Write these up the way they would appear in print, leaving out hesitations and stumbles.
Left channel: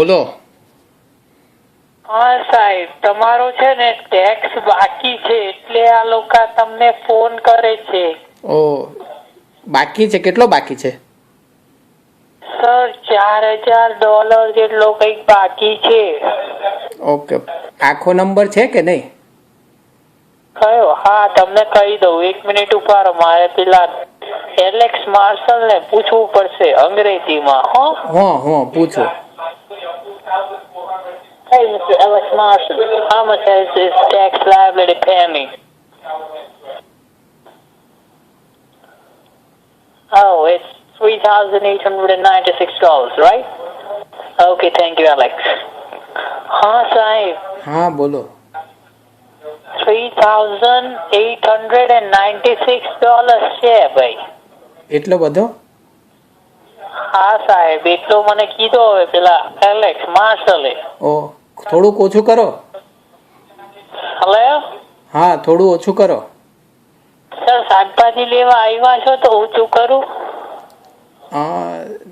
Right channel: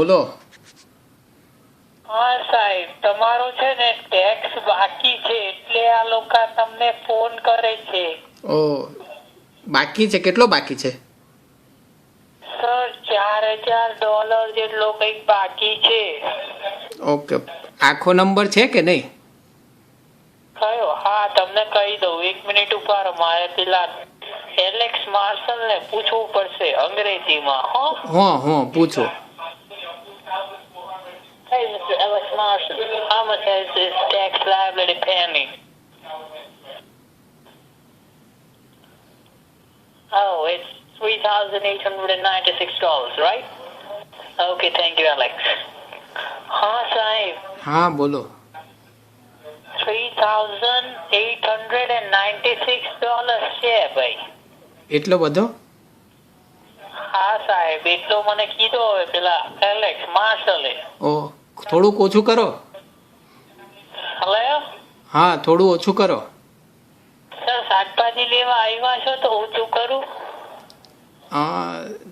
બોલો. હા સાહેબ, તમારો છે ને ટેક્સ બાકી છે એટલે આ લોકો તમને ફોન કરે છે. ઓ, બાકી છે? કેટલો બાકી છે? સર, $4000 જેટલો કઈક બાકી છે. ઓકે, આખો નંબર છે કે નહીં? કયો? હા, તમને કહી દઉં. 1 મિનિટ ઉપાડો, મારે પેલા એલેક્સ માર્શલ ને પૂછવું પડશે અંગ્રેજીમાં. હા, પૂછો. Hey, Mr. Alex Marshall, how much has this tax liability pay me? Oh, it's $3,896, right? Okay, thank you, Alex. हाँ साहिब. હા, બોલો. $3,896 છે ભાઈ. એટલો બધો? હા સાહેબ, એટલો મને કીધો હવે પેલા એલેક્સ માર્શલે. ઓ, થોડુંક ઓછું કરો. હલો. હા, થોડું ઓછું કરો. સર, શાકભાજી લેવા આવ્યા છો તો ઓછું કરું?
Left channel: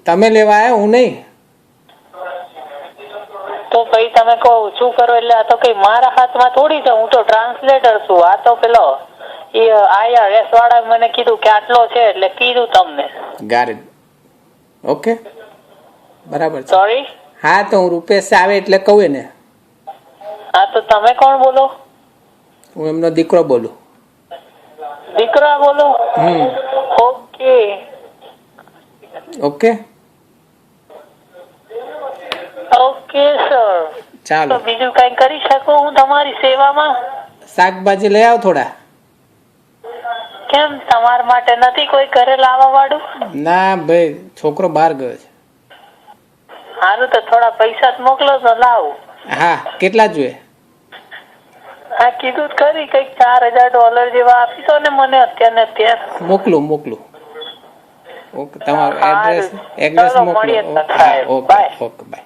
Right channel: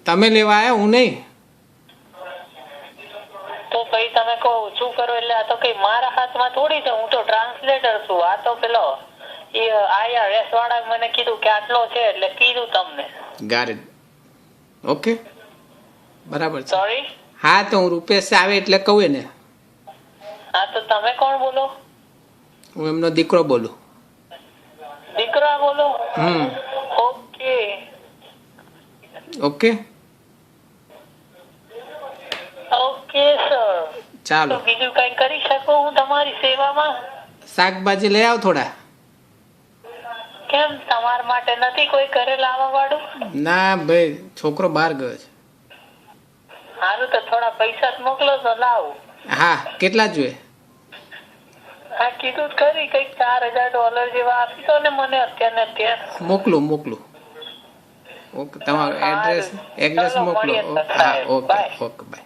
તમે લેવા આવ્યા, હું નહીં. તો ભાઈ તમે કહો ઓછું કરો એટલે આ તો કઈ મારા હાથમાં થોડી છે. હું તો ટ્રાન્સલેટર છું. આ તો પેલો IRS વાળા મને કીધું કે આટલો છે એટલે કીધું તમને. ગાર ઓકે, બરાબર છે. સોરી. હા, તો હું રૂપેશ આવે એટલે કહું એને. હા, તો તમે કોણ બોલો? હું એમનો દીકરો બોલું. દીકરા બોલો? ઓકે. Okay okay sir. ચાલો, તો બીજું કઈ કરી શકું હું તમારી સેવામાં? શાકભાજી લઈ આવ થોડા. કેમ, તમારા માટે નથી કોઈ ઘરે લાવવા વાળું? ના ભાઈ, છોકરો બહાર ગયો છે. સારું, તો થોડા પૈસા જ મોકલો તો લાવું. હા, કેટલા જોઈએ? હા, કીધું જ ખરી, કઈક $4000 જેવા આપી દો ને મને અત્યારે. મોકલું. ઓકે, તમારું એડ્રેસ મોકલો. મળીએ. હા, ઓકે, બાય.